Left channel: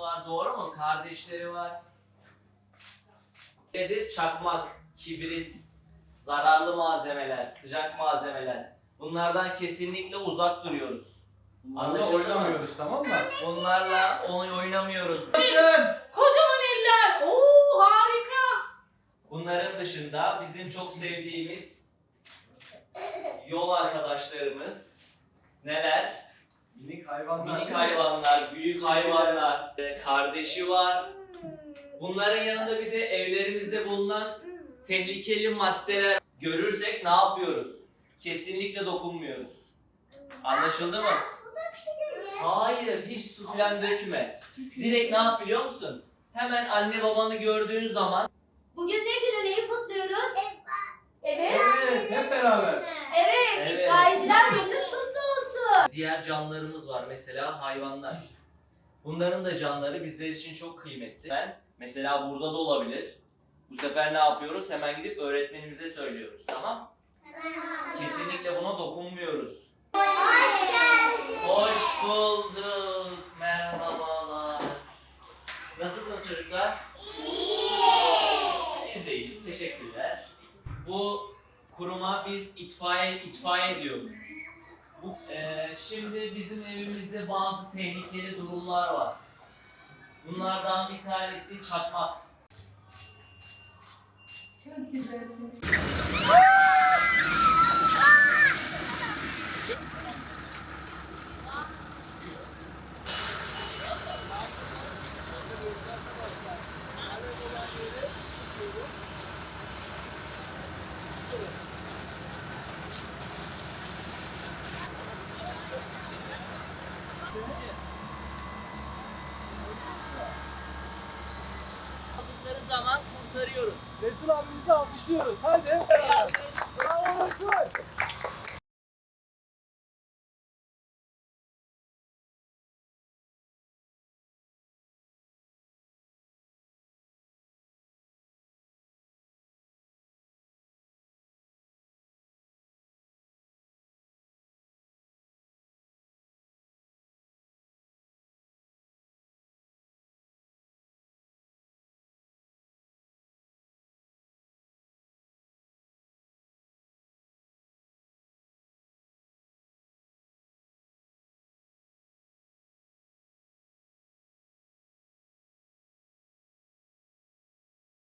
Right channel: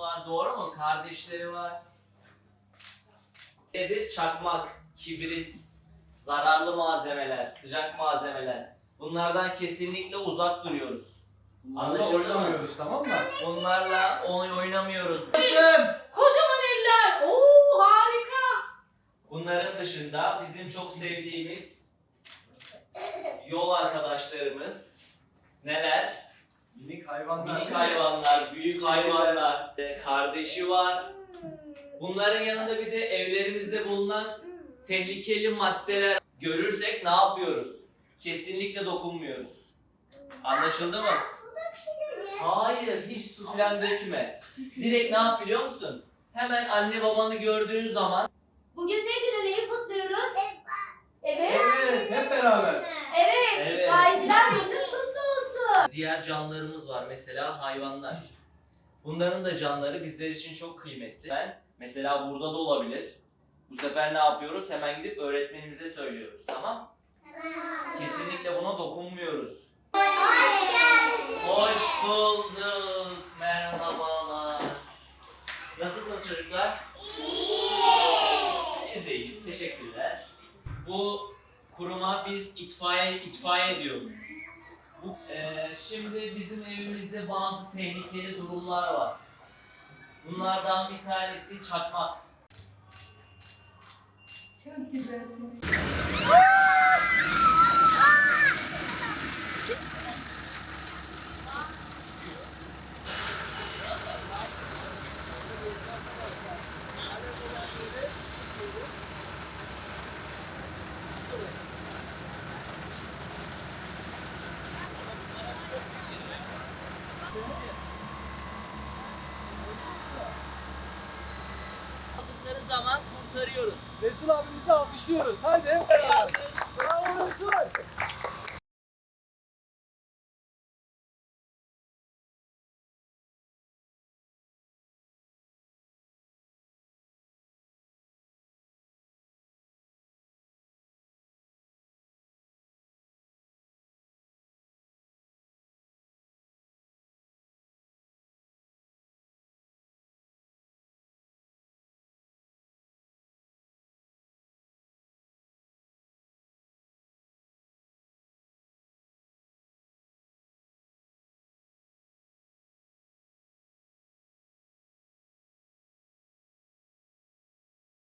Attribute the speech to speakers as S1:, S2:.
S1: var doğru mu? Kardeşleri var. Nedir? Çakmak, kibrit, zararlı malzemeler, sıcak malzemeler. Bunlardan kesinlikle uzak duruyoruz.
S2: Bunlarla
S1: Anlaşıldı mı?
S2: oynamıyoruz tamam mı?
S1: Onlarla oyun oynamıyoruz.
S3: Kocaman eller. Oo harika.
S1: Bunların dışında bizim çok sevdiğimiz yol arkadaşlarımız neler?
S2: Minik hayvanlar.
S1: Minik hayvanlar, büyük hayvanlar, kardeşi var. Bunların yanında bir de evlerimizde bulunan tehlikeli maddeler görürsek ne yapıyoruz? Kesinlikle dokunmuyoruz. Anlaşıldı mı? Hayır, hiç su falan dökme. Direkt ne yap biliyor musun? Hemen anne babanı gördüğün zaman
S4: Bugün ne günü neyi kutluyoruz? Evet.
S2: Evet hep beraber.
S1: Diğer canlılarımız var mesela hayvanlar. Bunların da canları bizler için çok kıymetli. Ben mesela burada da olabilir. Bu sefer ne yapıyoruz? Hemen gidip öğretmenimize söylüyoruz. Tamam? Kesinlikle buna dokunmuyoruz. Hoş bulduk. Merhabalar. Nasılsınız çocuklar? Biz de iyiyiz. Teşekkürler. Bu kuruma biz itfaiye itfaiye diyoruz. Eee, şimdi bizim evimizde bazı tehlikeli durumlar var. Bunlardan bir tanesi çakmak.
S4: Çok güzel.
S1: Aldıkları zaman kurtarıyoruz.
S2: Resul abimizi alkışlıyoruz. Haydi. Resul.